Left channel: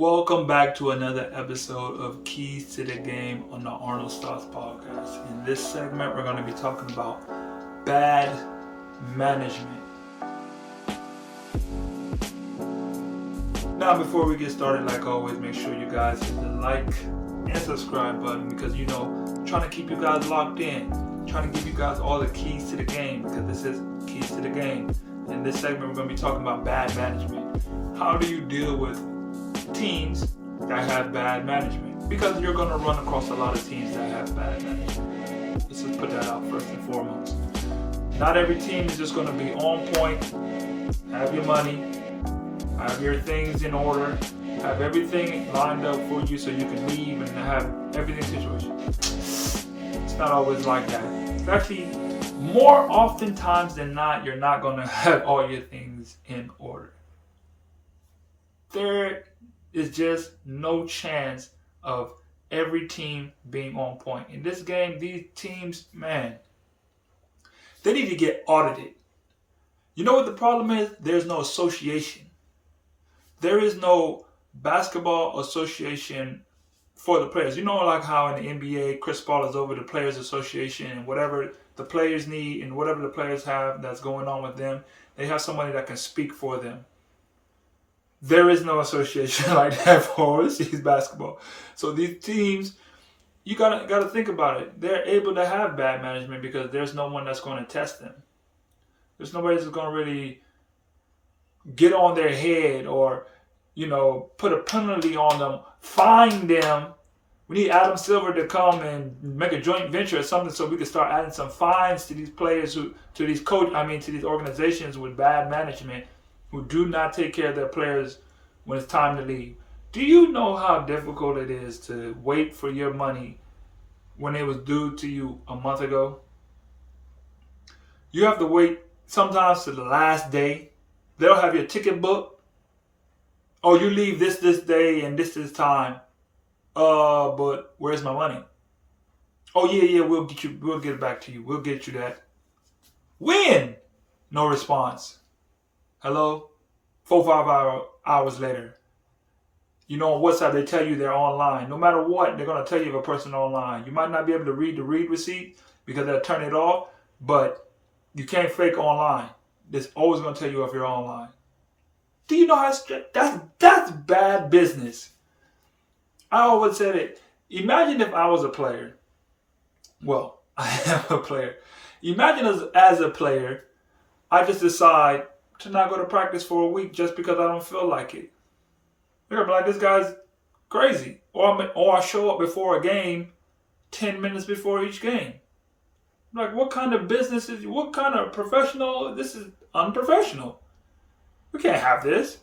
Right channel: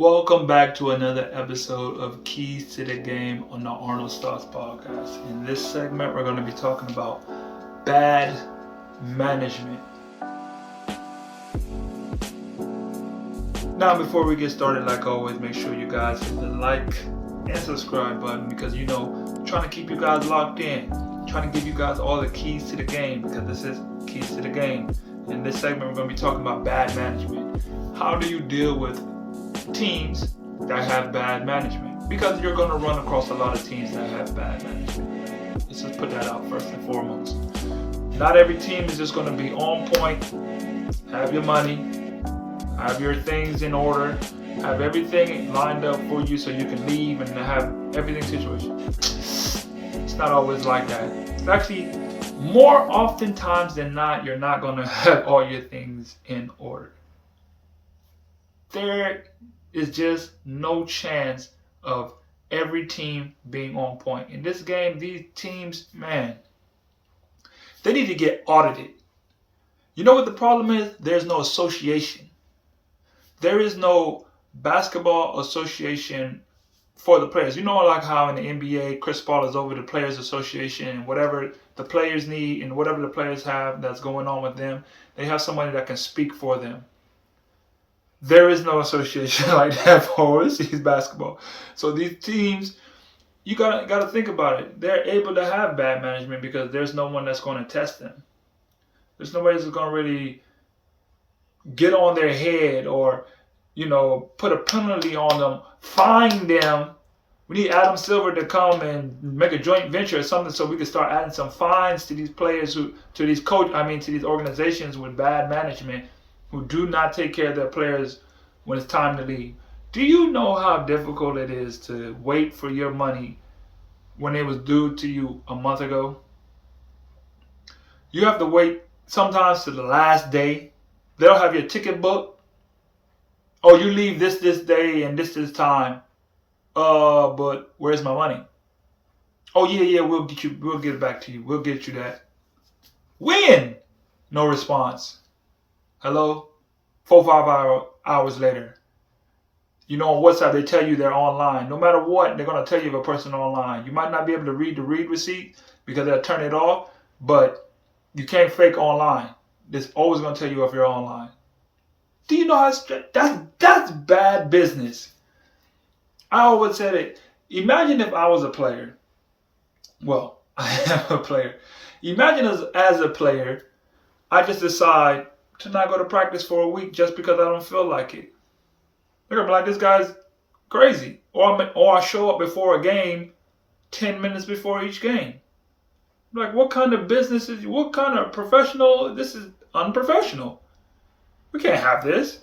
Welcome back to another episode of Keys to the Game on the Arnoldsthoughts podcast. In this segment, we're going to be talking about bad management. Now, before we get started, like always, make sure you guys hit the like and subscribe button because, I'm trying to keep you guys locked in. I'm trying to give you guys all the keys to the game because this is Keys to the Game. In this segment, we're going to be talking about bad management. How do you deal with teams that have bad management? Because you're going to run across a lot of teams that have bad management. Let's just put that out first and foremost. Not every team is just going to be on point, have your money, have your things in order, have everything lined up for you so you can leave and have everything situated. It's not always like that. It's actually more oftentimes than not, you're not going to have all your things in order. There is just no chance of every team being on point. In this game, these teams, man, they need to get audited. You know what the problem is? There's no association. There is no basketball association for the players. You know, like how in the NBA, Chris Paul is over the Players Association and whatever the players need and whatever the players have that's going on with them, they have somebody that can speak for them. There is no association like that for overseas basketball. So these teams, you gotta think about it. They're able to have bad management because there's no one that's going to test them. There's nobody that's going to really get on their head or, put a penalty on them, fine them. We need Adam Silver to come and make a joint venture or something so we can start adding some fines to these players to these organizations with bad management who do not take care of their players when it's time to leave. Do you know how difficult it is to wait for your money when it was due to you a month ago? You have to wait sometimes to the last day. They'll have your ticket booked. Oh, you leave this day and this time. But where's my money? Oh yeah, we'll get it back to you. We'll get you that. When? No response. Hello? 4-5 hours later. On WhatsApp, they tell you they're online. No matter what, they're going to tell you if a person online. You might not be able to read the read receipt because they'll turn it off, but you can't fake online. It's always going to tell you if you're online. Do you know how that's bad business? I always said it. Imagine if I was a player. Well, I am a player. Imagine as a player, I just decide to not go to practice for a week just because I don't feel like it. They're going to be like, this guy's crazy. Or I show up before a game 10 minutes before each game. Like, what kind of business what kind of professional? This is unprofessional. We can't have this.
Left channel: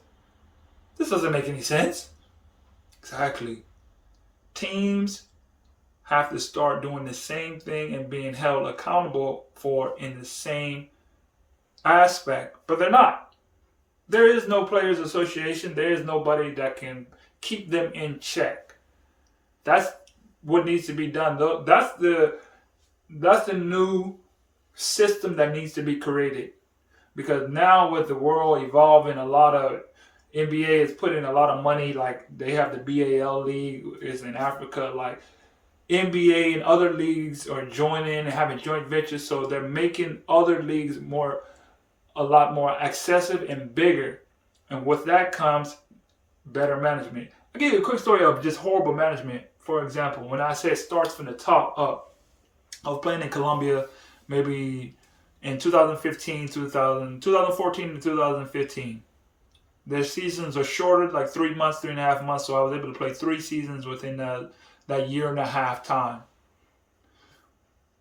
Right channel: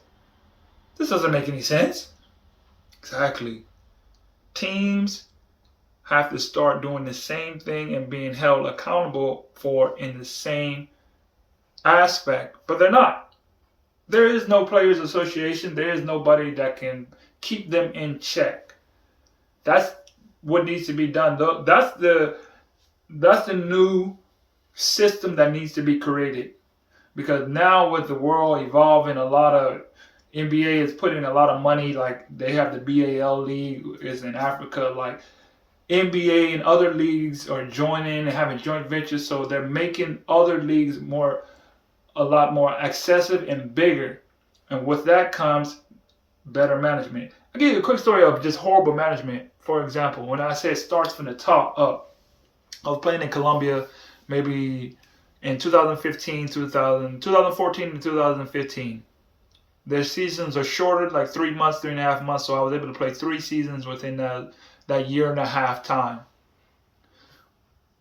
This doesn't make any sense. Exactly. Teams have to start doing the same thing and being held accountable for in the same aspect, but they're not. There is no players association. There is nobody that can keep them in check. That's what needs to be done. That's the new system that needs to be created, because now with the world evolving, a lot of NBA is putting a lot of money. Like they have the BAL league is in Africa. Like NBA and other leagues are joining and having joint ventures, so they're making other leagues a lot more excessive and bigger. And with that comes better management. I'll give you a quick story of just horrible management. For example, when I say it starts from the top up, I was playing in Colombia maybe in 2014 and 2015. Their seasons are shorter, like 3 months, 3.5 months. So I was able to play 3 seasons within that year and a half time.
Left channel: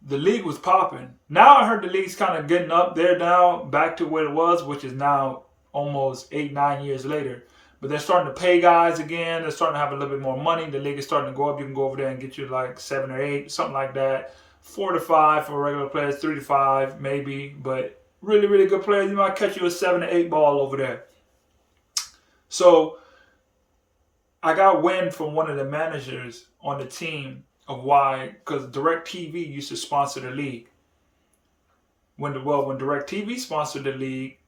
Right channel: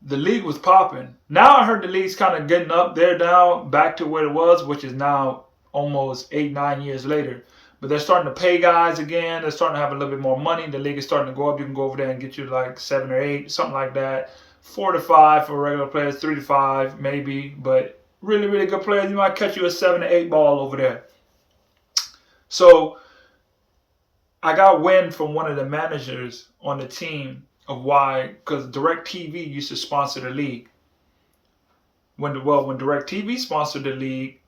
The league was popping. Now I heard the league's kind of getting up there now, back to what it was, which is now almost 8-9 years later. But they're starting to pay guys again. They're starting to have a little bit more money. The league is starting to go up. You can go over there and get you like 7 or 8, something like that. 4 to 5 for regular players, 3 to 5 maybe. But really, really good players, you might catch you a 7 to 8 ball over there. So I got wind from one of the managers on the team of why, because DirecTV used to sponsor the league. When DirecTV sponsored the league,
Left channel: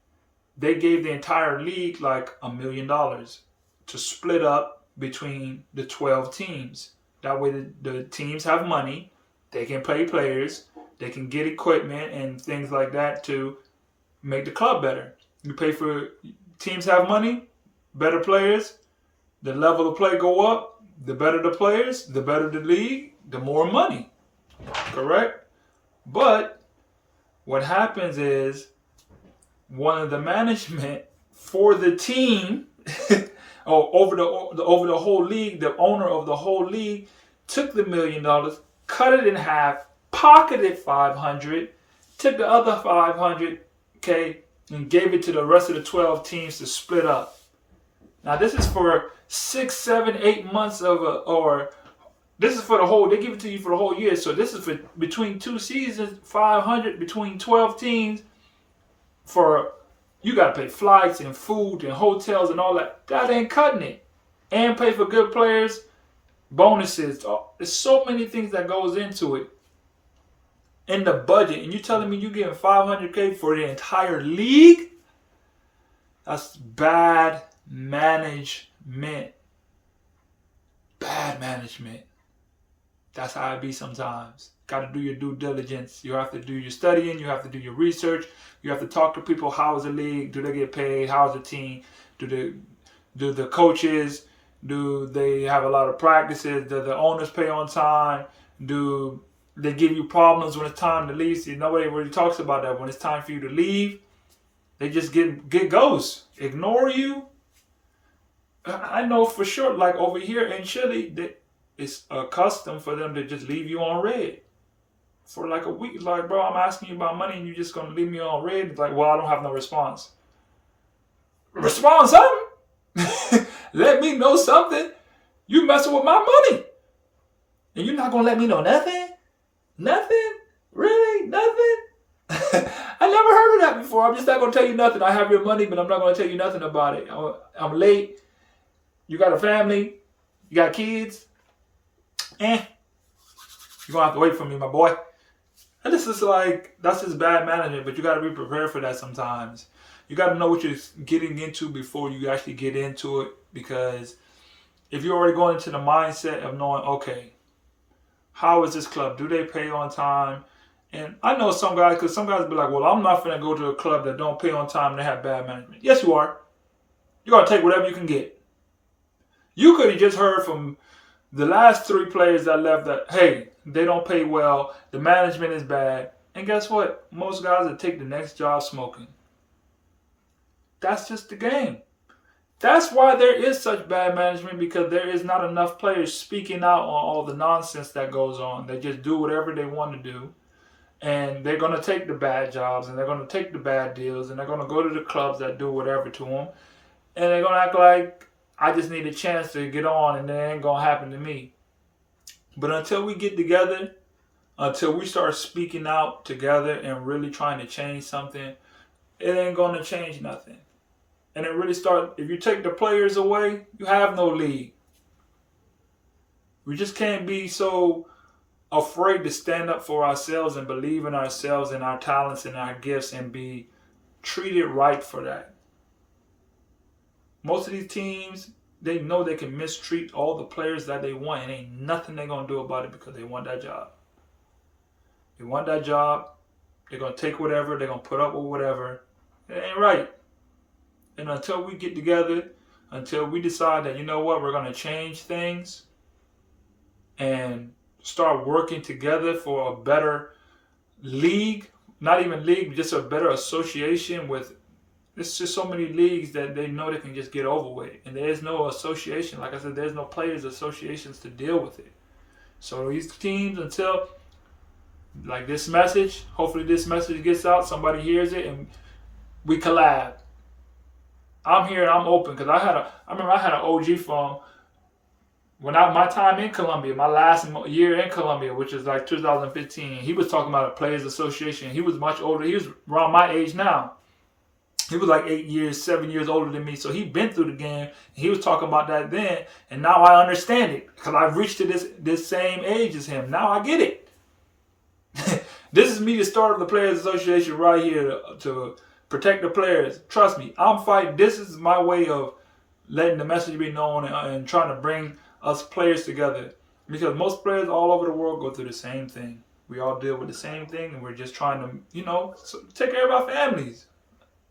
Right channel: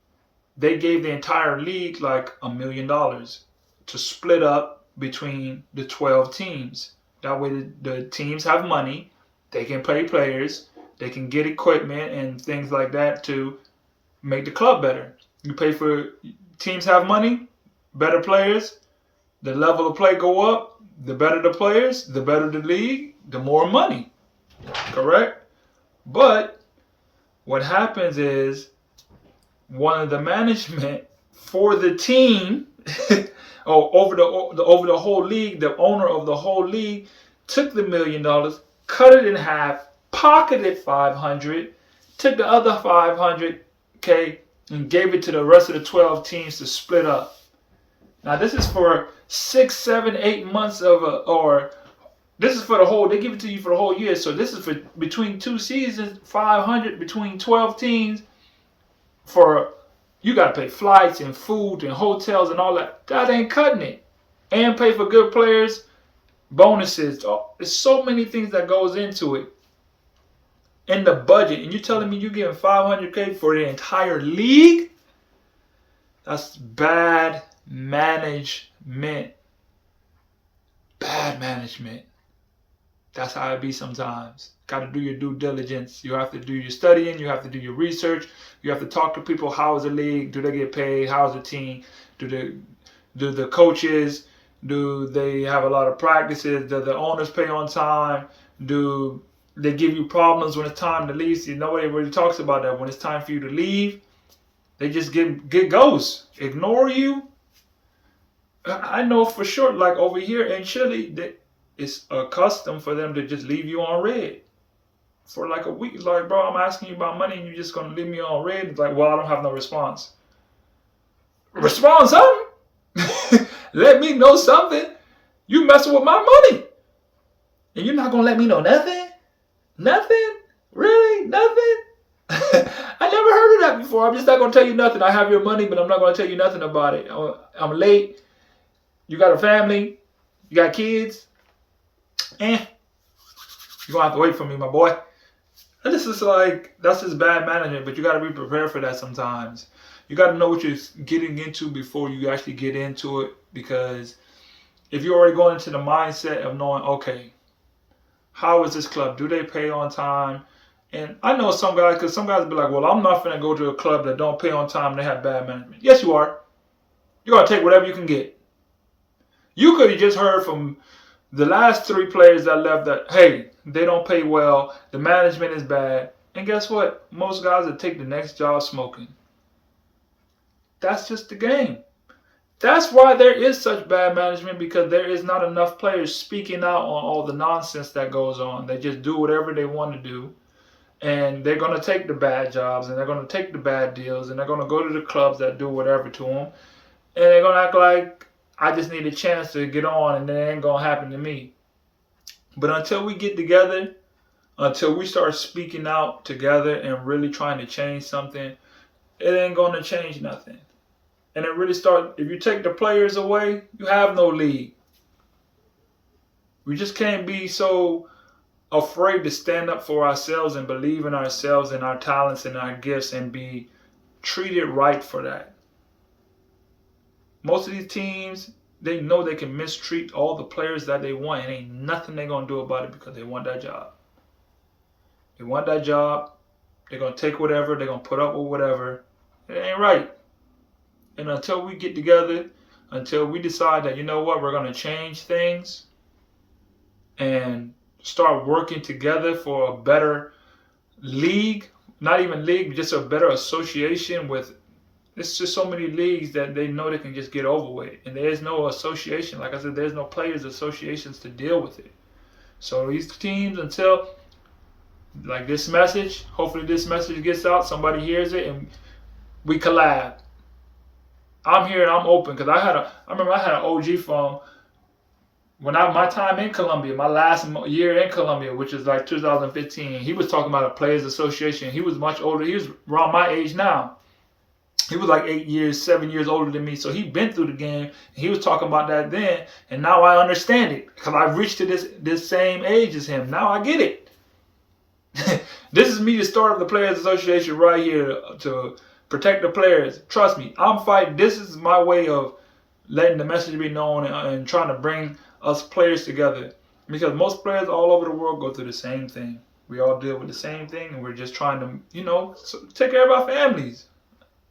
they gave the entire league like $1 million to split up between the 12 teams. That way the teams have money, they can pay players, they can get equipment and things like that to make the club better. You pay for, teams have money, better players, the level of play go up, the better the players, the better the league, the more money. Correct? But what happens is one of the management for the team over the whole league, the owner of the whole league took the $1 million, cut it in half, pocketed 500, took the other 500K and gave it to the rest of the 12 teams to split up. Now this is for 6, 7, 8 months or this is for the whole, they give it to you for the whole year. So this is for between 2 seasons, 500 between 12 teams for, you got to pay flights and food and hotels and all that. That ain't cutting it. And pay for good players, bonuses. Oh, there's so many things that goes into it. In the budget. And you're telling me you're getting 500K for the entire league? That's bad management. Bad management. That's how it be sometimes. Got to do your due diligence. You have to do your studying. You have to do your research. You have to talk to people. How is the league? Do they get paid? How is the team? Do the coaches? Do they have a lot of practices? Do the owners pay on time? Do they give you problems when it's time to leave? See, nobody really talks about that. When it's time for you to leave, they just get ghosts. Ignore you. I know for sure, like over here in Chile, it's a custom for them to just leave you on red for like a week. Like, bro, I'm asking you about money and you're just going to leave me on red? It's like, well, I don't have no response. Respond something. Let me know something. You messing with my money. And you're not going to let me know nothing? Nothing? Really? Nothing? I never heard of that before. I'm just not going to tell you nothing. I have your money, but I'm not going to tell you nothing about it. I'm late. You got a family. You got kids. You're going to have to wait for me, my boy. And this is like, that's just bad management, but you got to be prepared for that sometimes. You got to know what you're getting into before you actually get into it, because if you're already going into the mindset of knowing, okay, how is this club? Do they pay on time? And I know some guys, because some guys be like, well, I'm not going to go to a club that don't pay on time and they have bad management. Yes, you are. You're going to take whatever you can get. You could have just heard from the last 3 players that left that, hey, they don't pay well, the management is bad. And guess what? Most guys will take the next job smoking. That's just the game. That's why there is such bad management, because there is not enough players speaking out on all the nonsense that goes on. They just do whatever they want to do. And they're going to take the bad jobs and they're going to take the bad deals and they're going to go to the clubs that do whatever to them. And they're going to act like, I just need a chance to get on and it ain't going to happen to me. But until we get together, until we start speaking out together and really trying to change something, it ain't going to change nothing. And it really starts, if you take the players away, you have no league. We just can't be so afraid to stand up for ourselves and believe in ourselves and our talents and our gifts and be treated right for that. Most of these teams, they know they can mistreat all the players that they want, and ain't nothing they're going to do about it because they want that job. They want that job. They're going to take whatever. They're going to put up with whatever. It ain't right. And until we get together, until we decide that, you know what, we're going to change things and start working together for a better league, not even league, just a better association with, it's just so many leagues that they know they can just get over with. And there's no association. Like I said, there's no players associations to deal with it. So these teams, until like this message, hopefully this message gets out, somebody hears it, and we collab. I'm here and I'm open, because I remember I had an OG from when my time in Colombia, my last year in Colombia, which is like 2015. He was talking about a players association. He was much older. He was around my age now. He was like 7 years older than me. So he'd been through the game. And he was talking about that then. And now I understand it, because I've reached to this same age as him. Now I get it. This is me, the start of the Players Association right here to protect the players. Trust me, I'm fighting. This is my way of letting the message be known and trying to bring us players together. Because most players all over the world go through the same thing. We all deal with the same thing, and we're just trying to, take care of our families,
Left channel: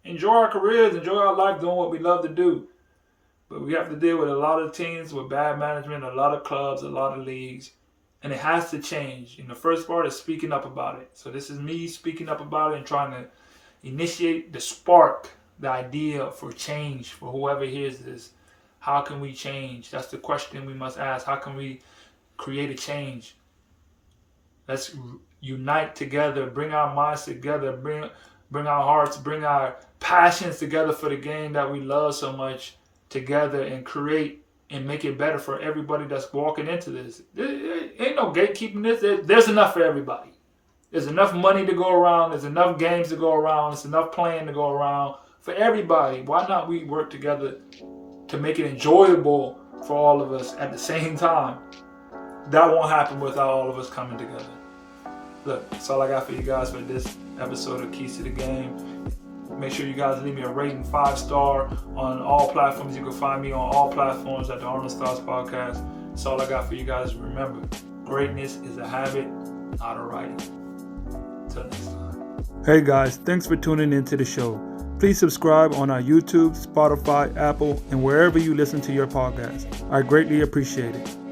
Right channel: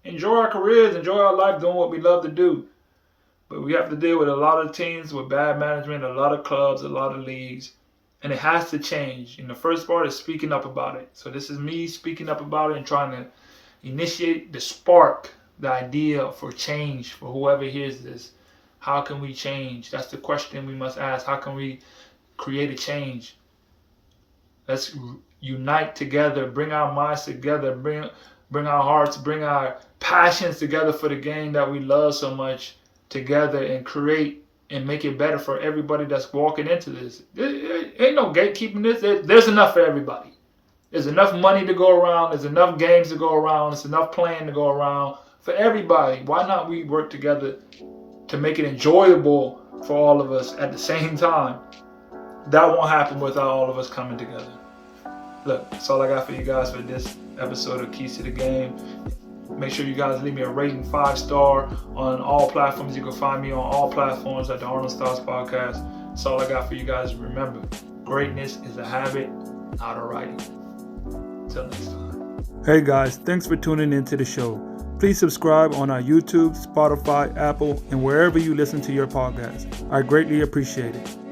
enjoy our careers, enjoy our life doing what we love to do. But we have to deal with a lot of teams with bad management, a lot of clubs, a lot of leagues, and it has to change. And the first part is speaking up about it. So this is me speaking up about it and trying to initiate the spark, the idea for change for whoever hears this. How can we change? That's the question we must ask. How can we create a change? Let's unite together, bring our minds together, bring our hearts, bring our passions together for the game that we love so much together, and create and make it better for everybody that's walking into this. There ain't no gatekeeping this. There's enough for everybody. There's enough money to go around. There's enough games to go around. There's enough playing to go around for everybody. Why not we work together to make it enjoyable for all of us at the same time? That won't happen without all of us coming together. Look, that's all I got for you guys for this episode of Keys to the Game. Make sure you guys leave me a rating, 5-star on all platforms. You can find me on all platforms at the Arnoldsthoughts podcast. That's all I got for you guys. Remember, greatness is a habit, not a writing. Until next time. Hey guys, thanks for tuning into the show. Please subscribe on our YouTube, Spotify, Apple, and wherever you listen to your podcast. I greatly appreciate it.